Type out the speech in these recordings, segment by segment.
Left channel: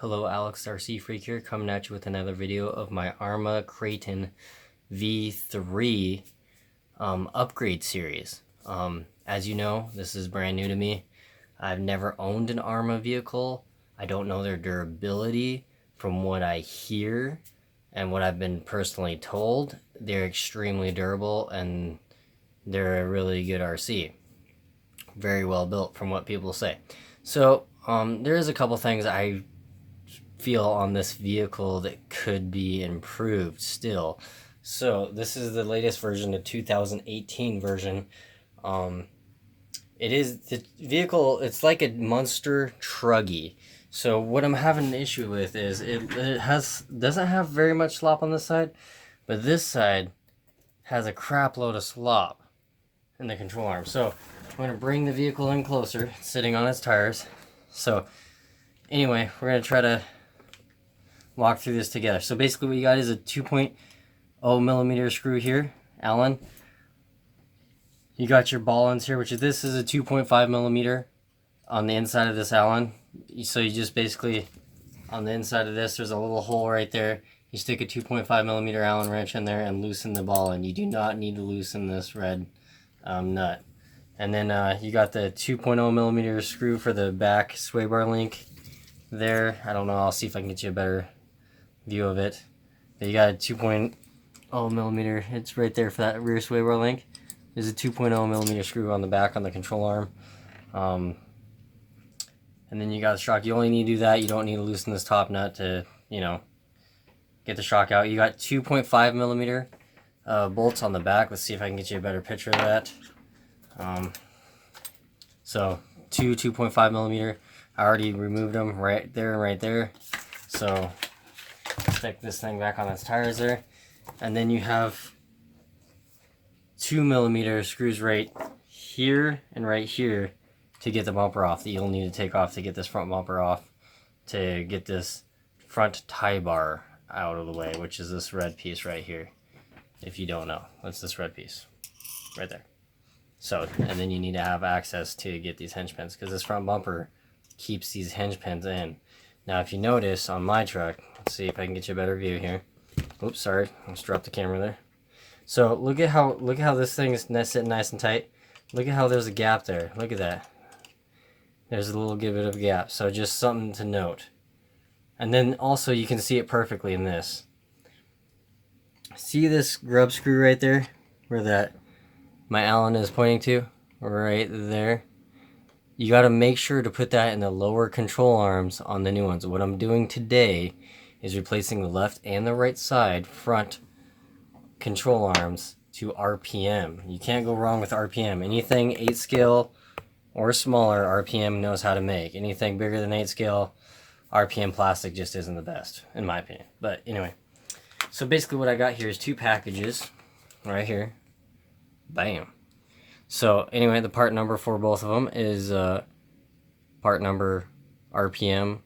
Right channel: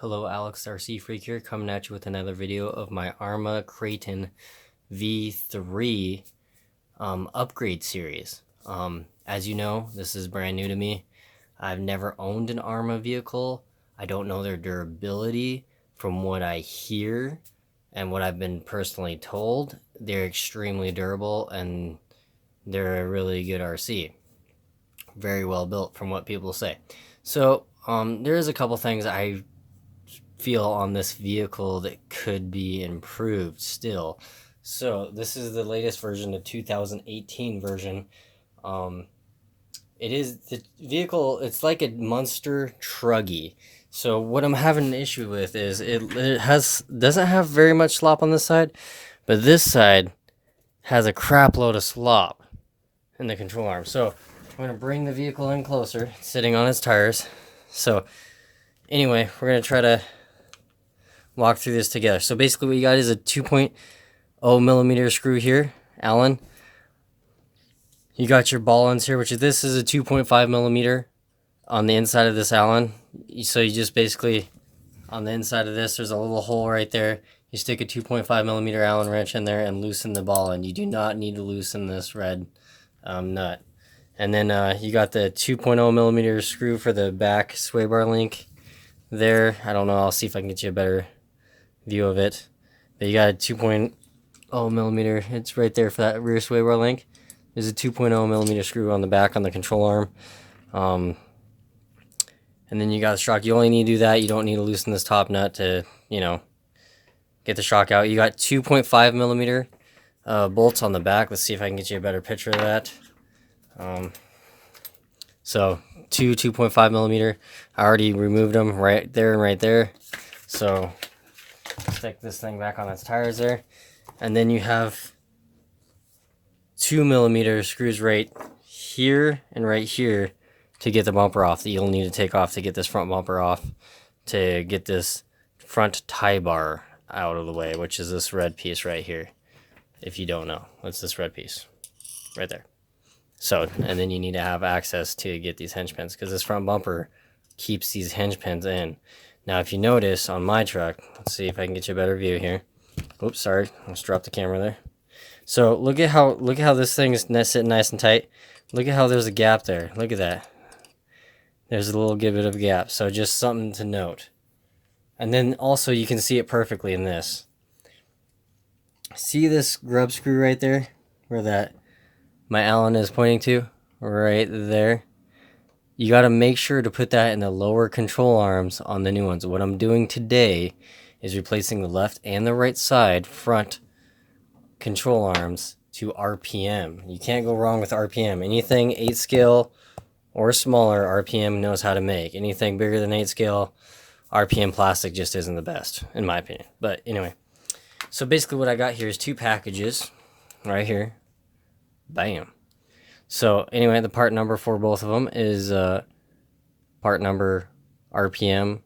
Hello, Alex RC Freak here, coming at you with another video of my Arrma Kraton V3 upgrade series. As you know, this is brand new to me. I've never owned an Arrma vehicle. I don't know their durability. From what I hear and what I've been personally told, they're extremely durable and they're a really good RC. Very well built from what people say. So there is a couple things I feel on this vehicle that could be improved still. So this is the latest version, the 2018 version. It is the vehicle, it's like a monster truggy. So what I'm having an issue with is it doesn't have very much slop on this side, but this side has a crap load of slop in the control arm. So I'm going to bring the vehicle in closer, sitting on its tires. So anyway, we're going to try to walk through this together. So basically what you got is a 2.0 millimeter screw here, Allen. You got your ball ends here, which is, this is a 2.5 millimeter on the inside of this Allen. So you just basically, on the inside of this, there's a little hole right there. You stick a 2.5 millimeter Allen wrench in there and loosen the ball end. You do not need to loosen this red nut. And then you got the 2.0 millimeter screw for the back sway bar link there. I don't know, I'll see if I can get you a better view of it. But you got a 2.0 millimeter, it's right there for that rear sway bar link. There's a 2.0 millimeter screw on the back on the control arm. And then you got the shock. You only need to do that. You don't need to loosen this top nut to, get the shock out. You got 2.5 millimeter bolts on the back. Let's see if I can get you a better picture of that. So 2.5 millimeter. I already removed them right there and right there. So stick this thing back on its tires there. And then you have 2 millimeter screws right here and right here to get the bumper off, that you'll need to take off to get this front bumper off, to get this front tie bar out of the way, which is this red piece right here. If you don't know, what's this red piece right there? So, and then you need to have access to get these hinge pins, because this front bumper keeps these hinge pins in. Now if you notice on my truck, let's see if I can get you a better view here. Oops, sorry, I just dropped the camera there. So look at how this thing is sitting nice and tight. Look at how there's a gap there. Look at that. There's a little bit of a gap. So just something to note. And then also you can see it perfectly in this. See this grub screw right there, where that my Allen is pointing to, right there. You got to make sure to put that in the lower control arms on the new ones. What I'm doing today is replacing the left and the right side front control arms to RPM. You can't go wrong with RPM. Anything 8 scale or smaller, RPM knows how to make. Anything bigger than 8 scale, RPM plastic just isn't the best, in my opinion. But anyway, so basically what I got here is 2 packages right here. Bam. So anyway, the part number for both of them is part number RPM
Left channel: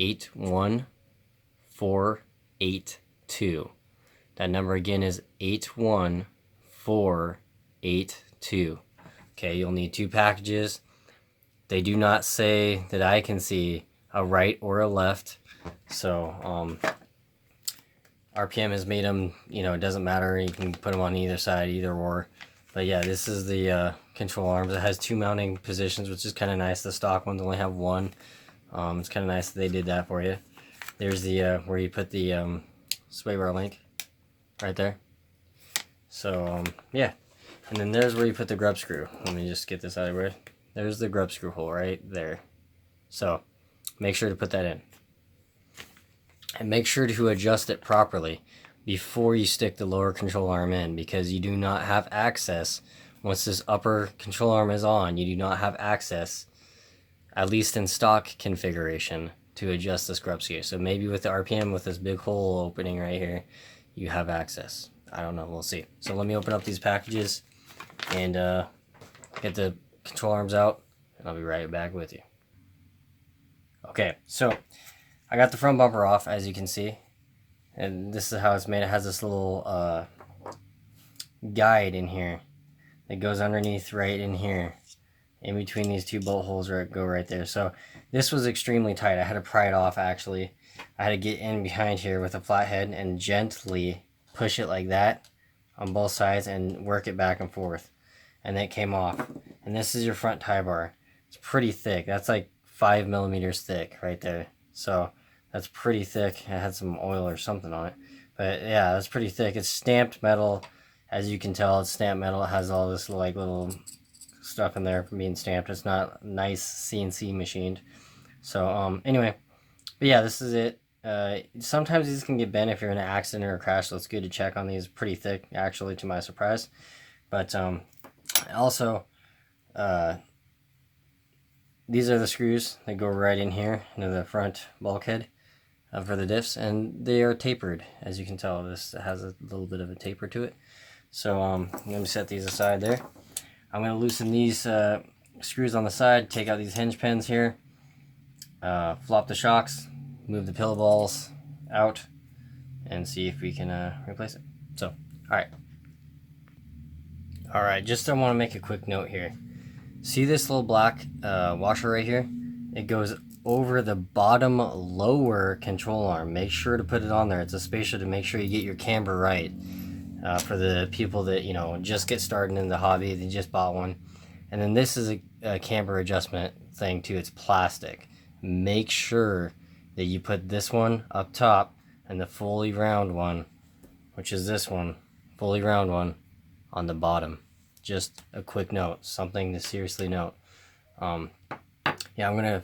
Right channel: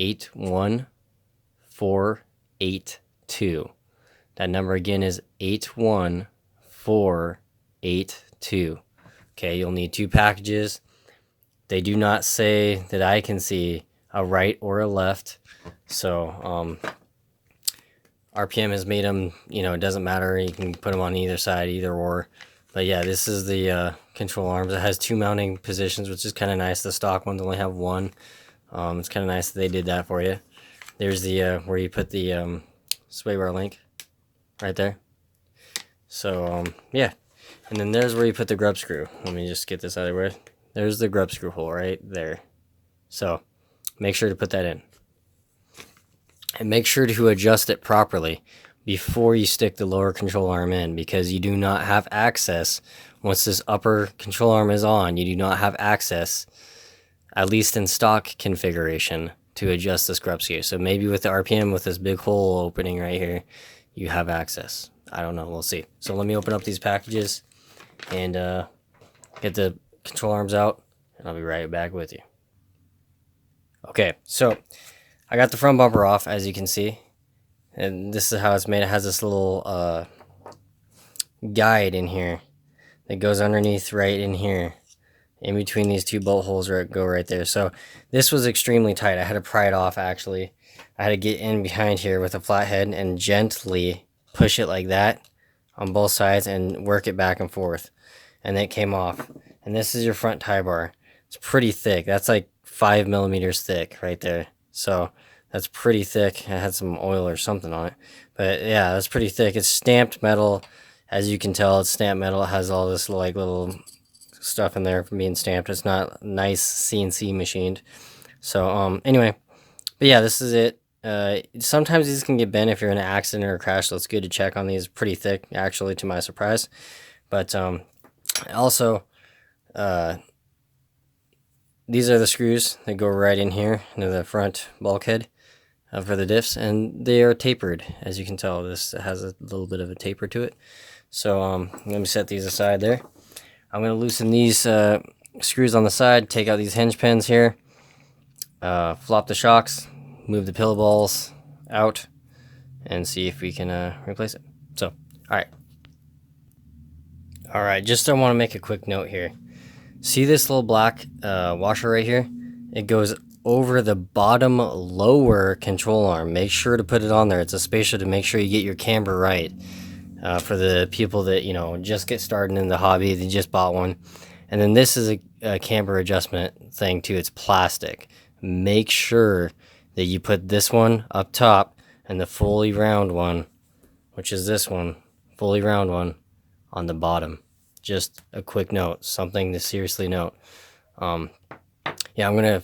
81482. That number again is 81482. Okay, you'll need 2 packages. They do not say, that I can see, a right or a left. So RPM has made them, it doesn't matter. You can put them on either side, either or. But yeah, this is the control arms. It has 2 mounting positions, which is kind of nice. The stock ones only have 1. It's kind of nice that they did that for you. There's the where you put the sway bar link right there. So yeah, and then there's where you put the grub screw. Let me just get this out of the way. There's the grub screw hole right there. So make sure to put that in, and make sure to adjust it properly before you stick the lower control arm in, because you do not have access. Once this upper control arm is on, you do not have access, at least in stock configuration, to adjust this grub screw. So maybe with the RPM, with this big hole opening right here, you have access. I don't know, we'll see. So let me open up these packages and get the control arms out, and I'll be right back with you. Okay, so I got the front bumper off, as you can see. And this is how it's made. It has this little guide in here that goes underneath right in here. in between these two bolt holes go right there. So this was extremely tight. I had to pry it off actually. I had to get in behind here with a flathead and gently push it like that on both sides and work it back and forth. And it came off. And this is your front tie bar. It's pretty thick. That's like 5 millimeters thick right there. So that's pretty thick. I had some oil or something on it. But yeah, that's pretty thick. It's stamped metal. As you can tell, it's stamped metal. It has all this like little stuff in there from being stamped. It's not nice CNC machined. So anyway, but yeah, this is it. Sometimes these can get bent if you're in an accident or a crash, so it's good to check on these. Pretty thick, actually, to my surprise. But also, these are the screws that go right in here into the front bulkhead for the diffs, and they are tapered. As you can tell, this has a little bit of a taper to it. So let me set these aside there. I'm going to loosen these screws on the side, take out these hinge pins here, flop the shocks, move the pillow balls out, and see if we can replace it. So, alright, just I want to make a quick note here. See this little black washer right here? It goes over the bottom lower control arm. Make sure to put it on there. It's a spacer to make sure you get your camber right. For the people that, you know, just get started in the hobby, they just bought one. And then this is a camber adjustment thing too. It's plastic. Make sure that you put this one up top and the fully round one, which is this one, fully round one, on the bottom. Just a quick note, something to seriously note. Yeah, I'm gonna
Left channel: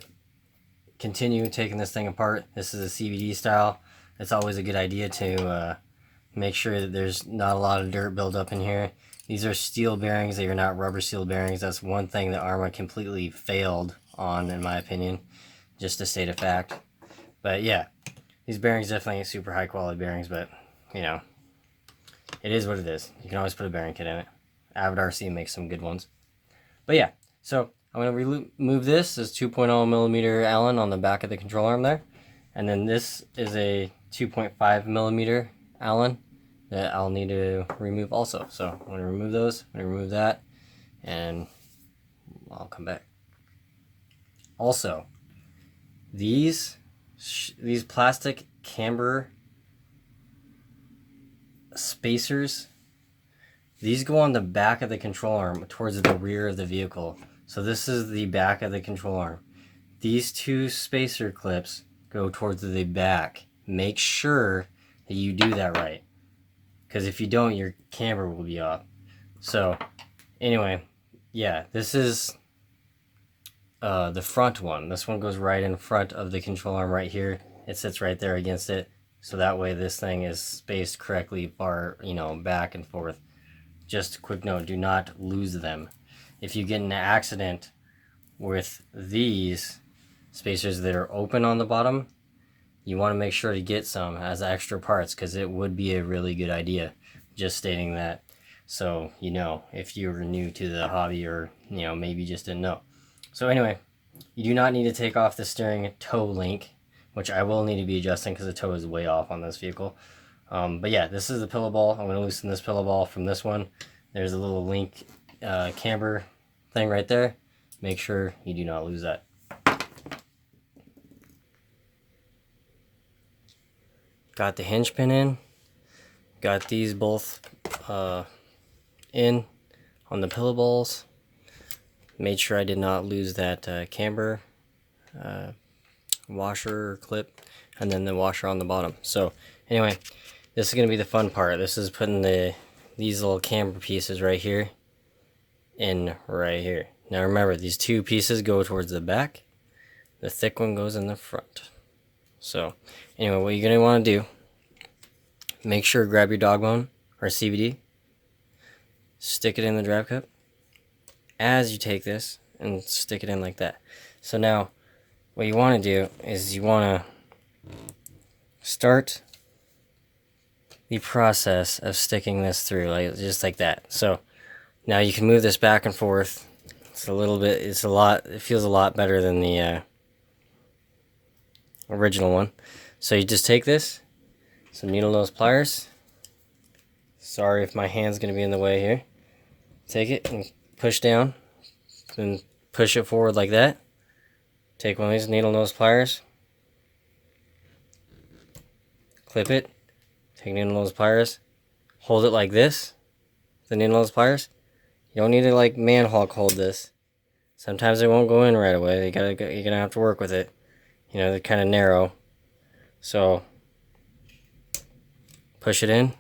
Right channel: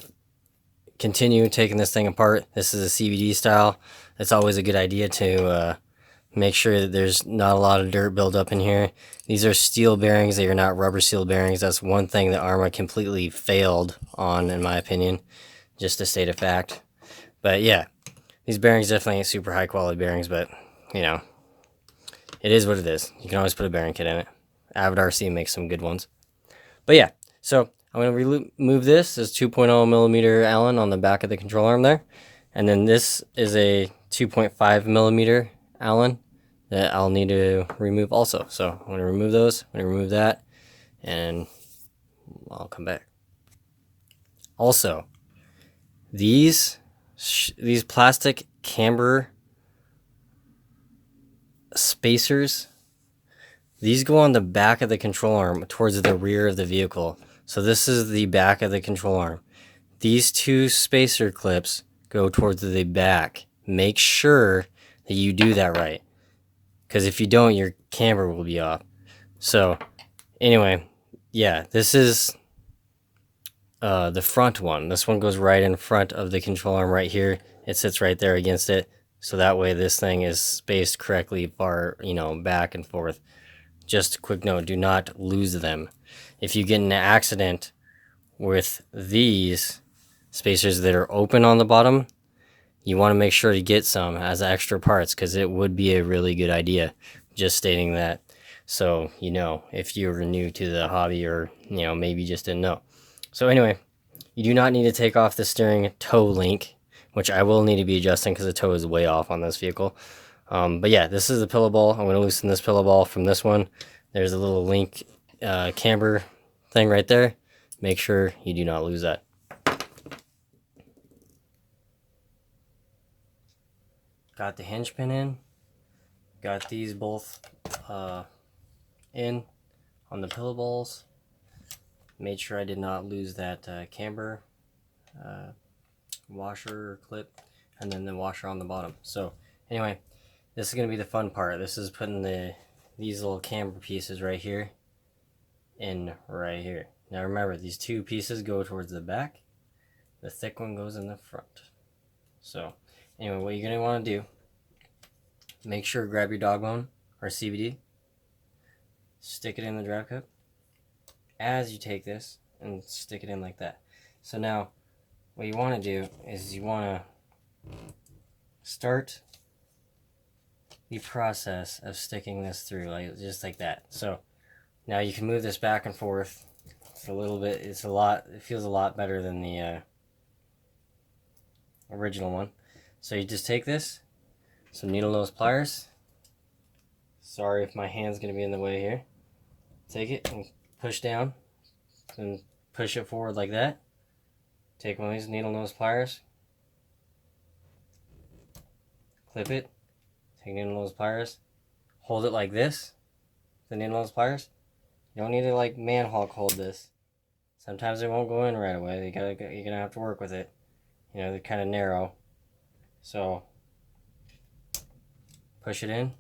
continue taking this thing apart. This is a CVD style. It's always a good idea to make sure that there's not a lot of dirt buildup in here. These are steel bearings. They are not rubber seal bearings. That's one thing that Arrma completely failed on, in my opinion, just to state a fact. But yeah, these bearings definitely ain't super high quality bearings, but you know, it is what it is. You can always put a bearing kit in it. Avid RC makes some good ones. But yeah, so I'm going to remove this. This 2.0 millimeter Allen on the back of the control arm there. And then this is a 2.5 millimeter Allen that I'll need to remove also. So I'm going to remove those. I'm going to remove that. And I'll come back. Also, these plastic camber spacers, these go on the back of the control arm towards the rear of the vehicle. So this is the back of the control arm. These two spacer clips go towards the back. Make sure that you do that right, because if you don't, your camber will be off. So anyway, yeah, this is the front one. This one goes right in front of the control arm right here. It sits right there against it. So that way this thing is spaced correctly far, you know, back and forth. Just a quick note, do not lose them. If you get in an accident with these spacers that are open on the bottom, you want to make sure to get some as extra parts, because it would be a really good idea. Just stating that, so you know, if you're new to the hobby, or you know, maybe just didn't know. So anyway, you do not need to take off the steering toe link, which I will need to be adjusting because the toe is way off on this vehicle. But yeah, this is the pillow ball. I'm going to loosen this pillow ball from this one. There's a little link camber thing right there. Make sure you do not lose that. Got the hinge pin in. Got these both in on the pillow balls. Made sure I did not lose that camber washer or clip, and then the washer on the bottom. So anyway, this is going to be the fun part. This is putting these little camber pieces right here in right here. Now remember, these two pieces go towards the back. The thick one goes in the front. So anyway, what you're going to want to do, make sure to grab your dog bone or CVD, stick it in the drive cup as you take this and stick it in like that. So now what you want to do is you want to start the process of sticking this through, like just like that. So now you can move this back and forth. It's a little bit, it feels a lot better than the original one. So you just take this, some needle nose pliers. Sorry if my hand's going to be in the way here. Take it and push down, then push it forward like that. Take one of these needle nose pliers, clip it, take needle nose pliers, hold it like this, the needle nose pliers. You don't need to like man-hawk hold this. Sometimes it won't go in right away. You're gonna have to work with it. You know, they're kind of narrow. So push it in,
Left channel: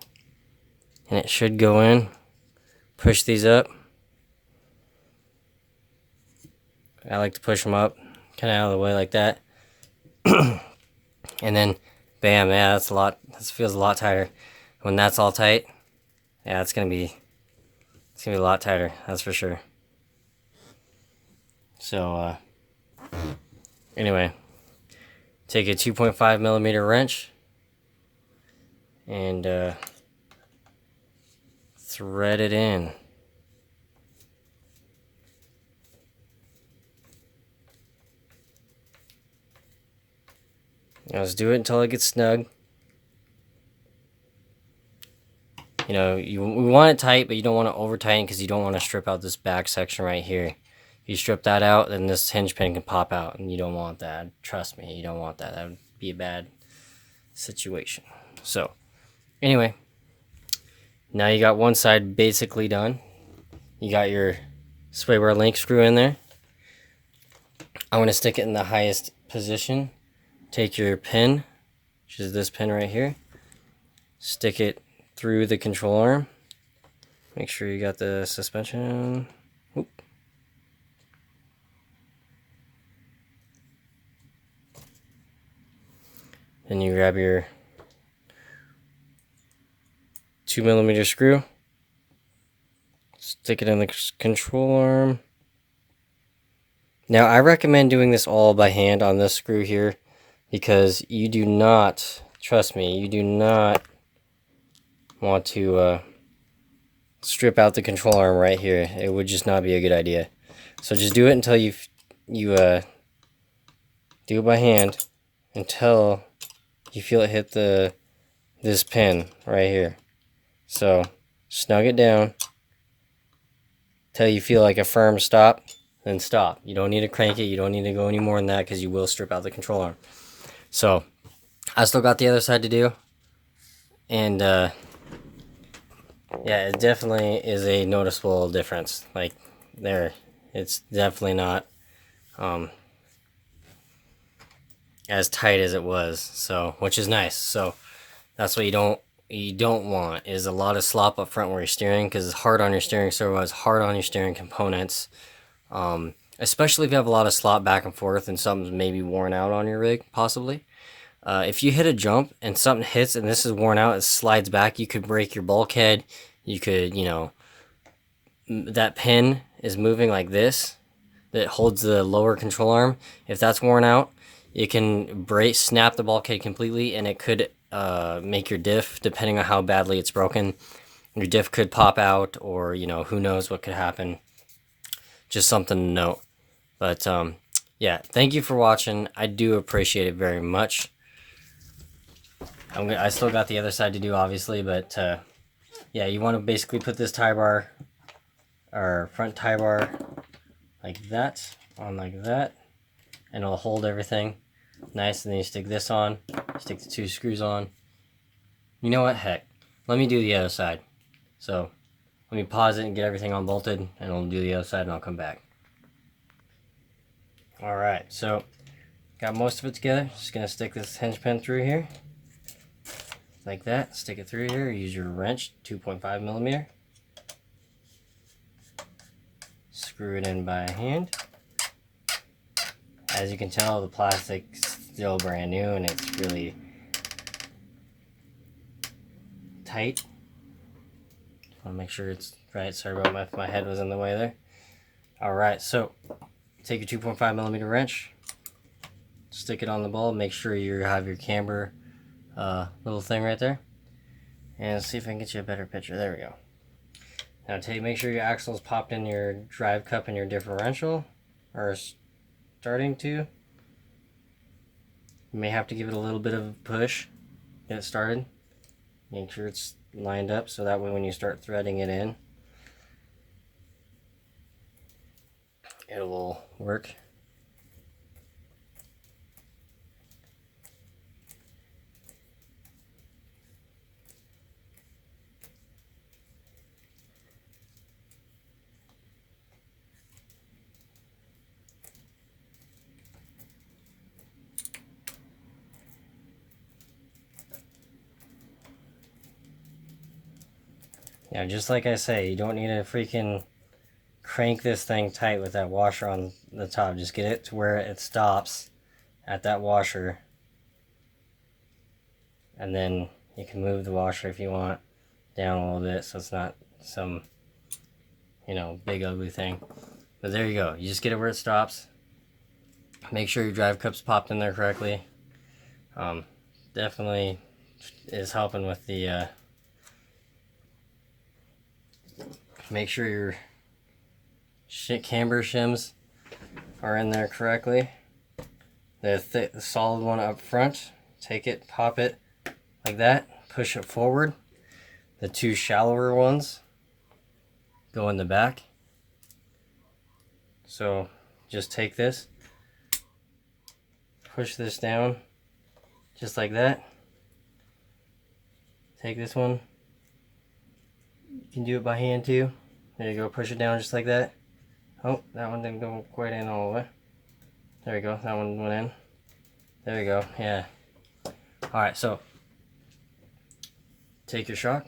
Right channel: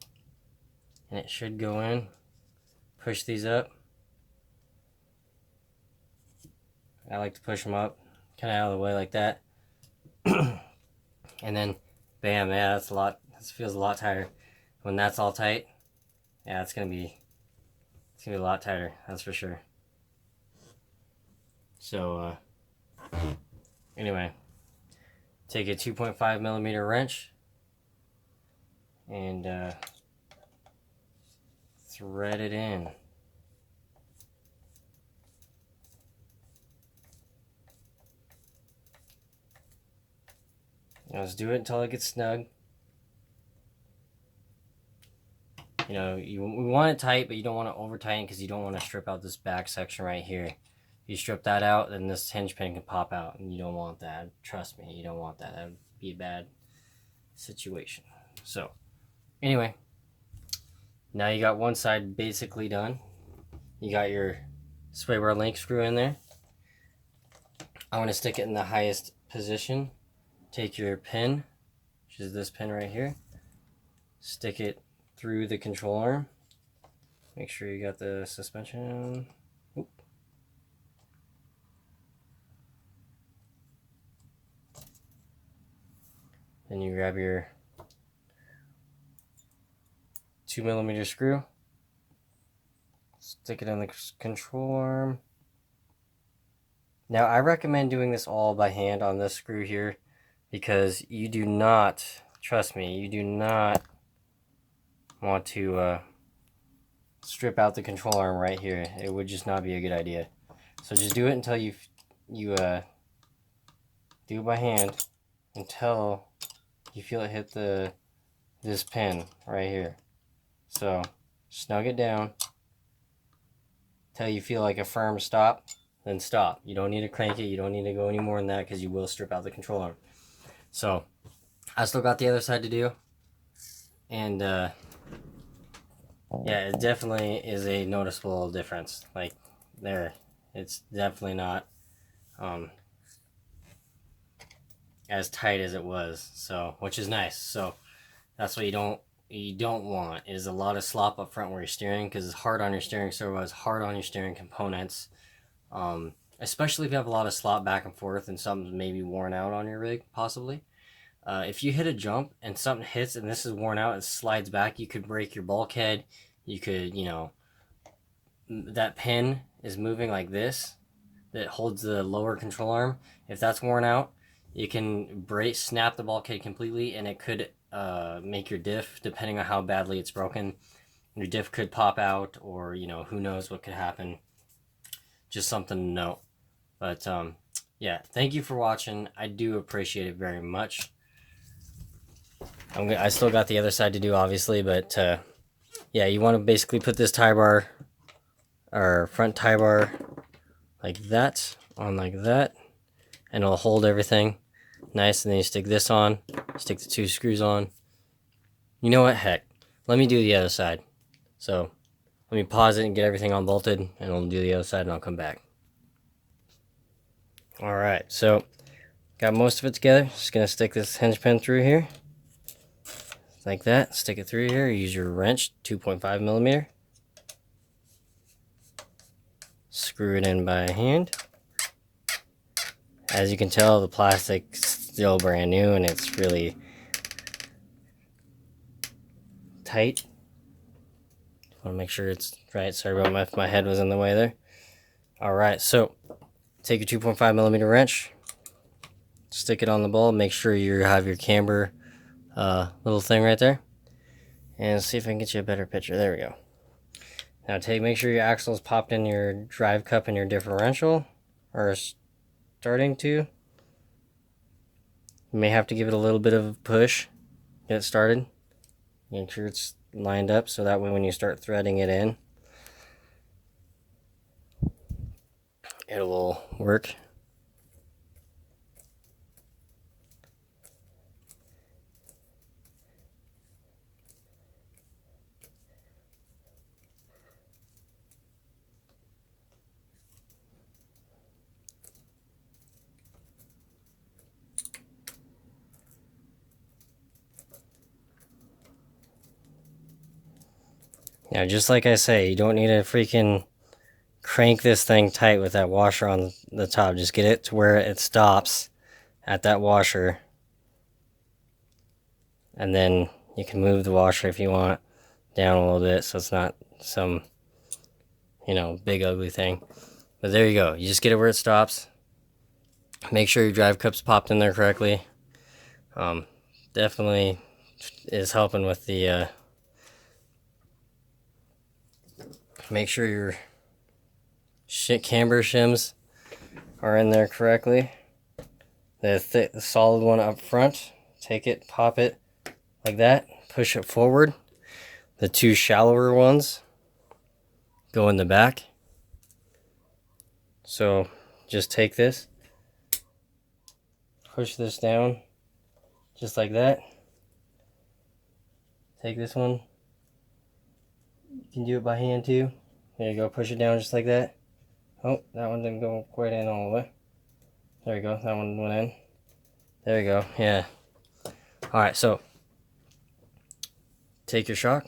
and it should go in. Push these up. I like to push them up, kind of out of the way like that. And then, bam, yeah, that's a lot. This feels a lot tighter. When that's all tight, yeah, it's gonna be a lot tighter. That's for sure. So, anyway, take a 2.5 millimeter wrench and thread it in. Let's do it until it gets snug. You know, we want it tight, but you don't want to over tighten because you don't want to strip out this back section right here. If you strip that out, then this hinge pin can pop out, and you don't want that. Trust me, you don't want that. That would be a bad situation. So, anyway, now you got one side basically done. You got your sway bar link screw in there. I'm going to stick it in the highest position. Take your pin, which is this pin right here, stick it through the control arm. Make sure you got the suspension. Oop. Then you grab your 2 millimeter screw, stick it in the control arm. Now I recommend doing this all by hand on this screw here, because you do not, trust me, you do not want to strip out the control arm right here. It would just not be a good idea. So just do it until you do it by hand until you feel it hit this pin right here. So snug it down till you feel like a firm stop, then stop. You don't need to crank it. You don't need to go any more than that, because you will strip out the control arm. So I still got the other side to do, and yeah, it definitely is a noticeable difference. Like there, it's definitely not as tight as it was. So, which is nice. So that's what you don't want, is a lot of slop up front where you're steering, because it's hard on your steering servo, it's hard on your steering components. Especially if you have a lot of slop back and forth and something's maybe worn out on your rig, possibly. If you hit a jump and something hits and this is worn out, it slides back, you could break your bulkhead. You could, you know, that pin is moving like this that holds the lower control arm. If that's worn out, it can snap the bulkhead completely, and it could make your diff, depending on how badly it's broken. Your diff could pop out, or, you know, who knows what could happen. Just something to note. But yeah, thank you for watching. I do appreciate it very much. I still got the other side to do, obviously, but yeah, you want to basically put this tie bar, or front tie bar, like that, on like that, and it'll hold everything nice. And then you stick this on, stick the 2 screws on. You know what, heck, let me do the other side. So let me pause it and get everything unbolted, and I'll do the other side, and I'll come back. Alright, so got most of it together. Just gonna stick this hinge pin through here like that. Stick it through here. Use your wrench, 2.5 millimeter. Screw it in by hand. As you can tell, the plastic's still brand new, and it's really tight. Want to make sure it's right. Sorry about if my head was in the way there. Alright, so take your 2.5 millimeter wrench, stick it on the ball, make sure you have your camber little thing right there, and see if I can get you a better picture. There we go. Now make sure your axle is popped in your drive cup and your differential, or starting to. You may have to give it a little bit of a push, get it started. Make sure it's lined up, so that way when you start threading it in, it will work. Now, just like I say, you don't need to freaking crank this thing tight with that washer on the top. Just get it to where it stops at that washer. And then you can move the washer if you want down a little bit so it's not some, you know, big ugly thing. But there you go. You just get it where it stops. Make sure your drive cup's popped in there correctly. Definitely is helping with the make sure your camber shims are in there correctly. The solid one up front, take it, pop it like that, push it forward. The two shallower ones go in the back. So just take this, push this down just like that. Take this one. You can do it by hand too. There you go, push it down just like that. Oh, that one didn't go quite in all the way. There we go, that one went in. There you go, yeah. Alright, so take your shock,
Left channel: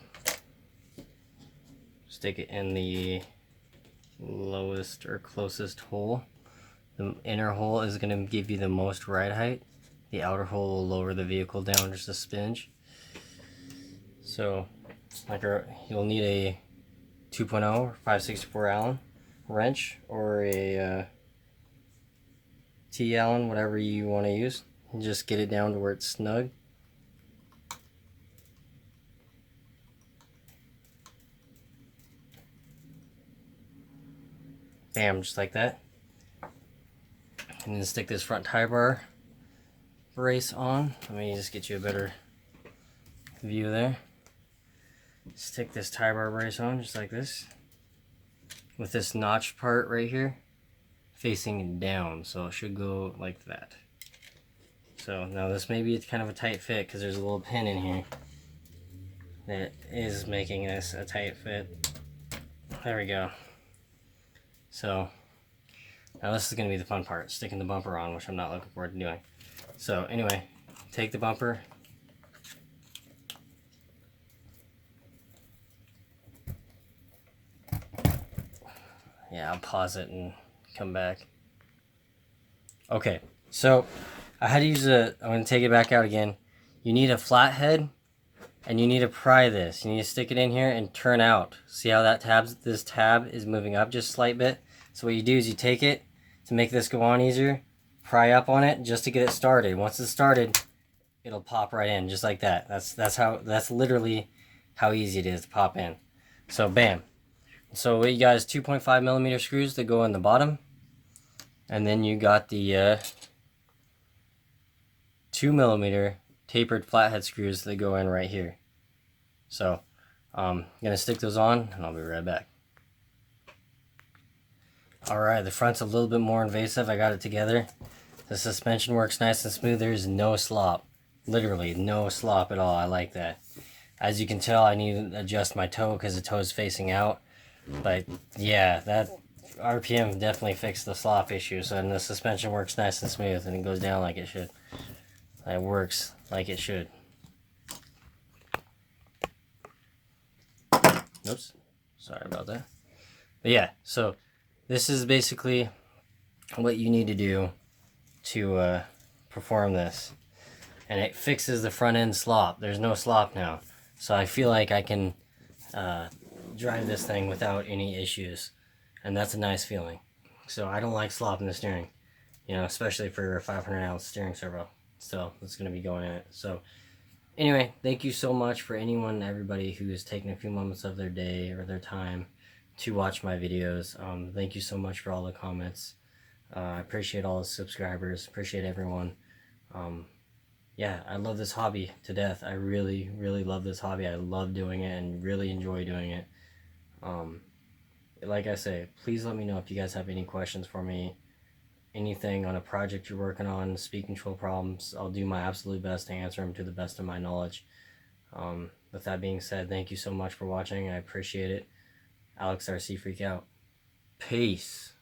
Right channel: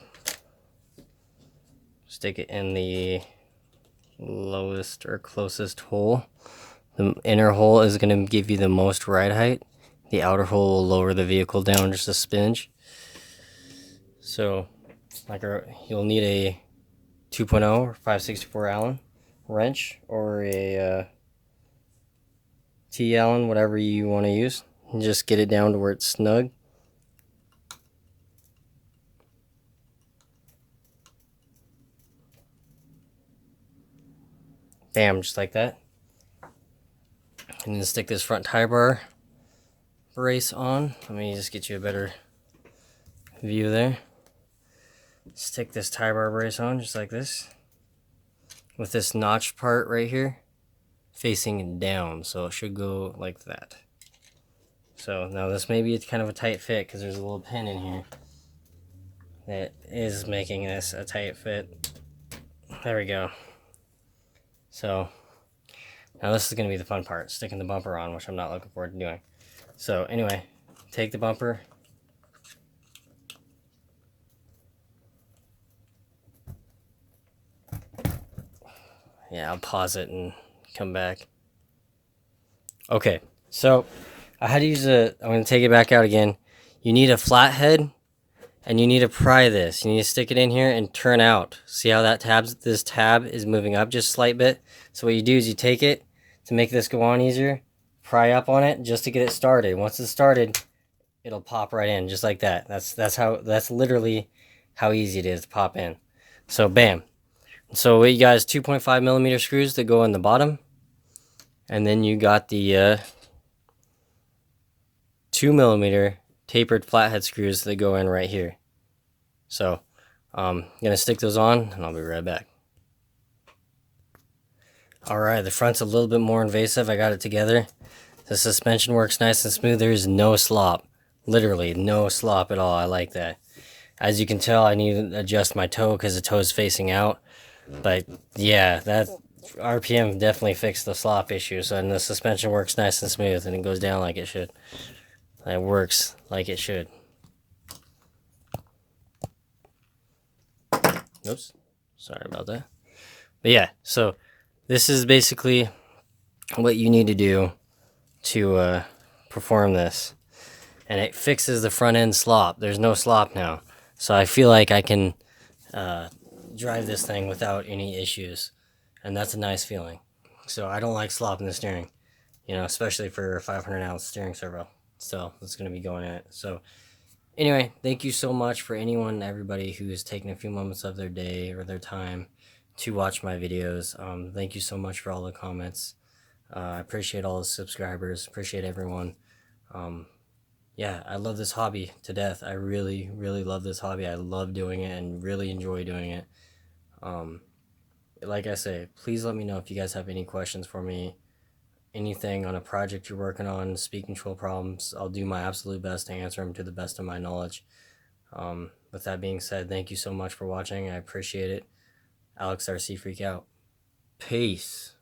stick it in the lowest or closest hole. The inner hole is going to give you the most ride height. The outer hole will lower the vehicle down just a smidge. So, like you'll need a 2.0 or 564 Allen wrench or a T Allen, whatever you want to use. And just get it down to where it's snug. Bam, just like that. And then stick this front tie bar brace on. Let me just get you a better view there. Stick this tie bar brace on just like this, with this notched part right here facing down, so it should go like that. So now this may be kind of a tight fit because there's a little pin in here that is making this a tight fit. There we go. So now this is going to be the fun part, sticking the bumper on, which I'm not looking forward to doing. So anyway, take the bumper, yeah, I'll pause it and come back. Okay, so I had to use I'm going to take it back out again. You need a flathead, and you need to pry this. You need to stick it in here and turn out. See how that this tab is moving up just a slight bit? So what you do is you take it to make this go on easier, pry up on it just to get it started. Once it's started, it'll pop right in just like that. That's literally how easy it is to pop in. So bam. So you got is 2.5 millimeter screws that go in the bottom, and then you got the 2 millimeter tapered flathead screws that go in right here. So I'm gonna stick those on and I'll be right back. Alright, the front's a little bit more invasive. I got it together. The suspension works nice and smooth. There's no slop. Literally no slop at all. I like that. As you can tell, I need to adjust my toe because the toe's facing out. But yeah, that RPM definitely fixed the slop issue. So, and the suspension works nice and smooth, and it goes down like it should. It works like it should. Oops, sorry about that. But yeah, so this is basically what you need to do to perform this. And it fixes the front end slop. There's no slop now. So I feel like I can drive this thing without any issues. And that's a nice feeling. So I don't like slop in the steering, you know, especially for a 500-ounce steering servo. So that's going to be going in it. So anyway, thank you so much for everybody who is taking a few moments of their day or their time to watch my videos. Thank you so much for all the comments. I appreciate all the subscribers. Appreciate everyone. Yeah, I love this hobby to death. I really, really love this hobby. I love doing it and really enjoy doing it. like I say, please let me know if you guys have any questions for me, anything on a project you're working on, speed control problems. I'll do my absolute best to answer them to the best of my knowledge. With that being said, thank you so much for watching. I appreciate it. Alex RC Freak out. Peace.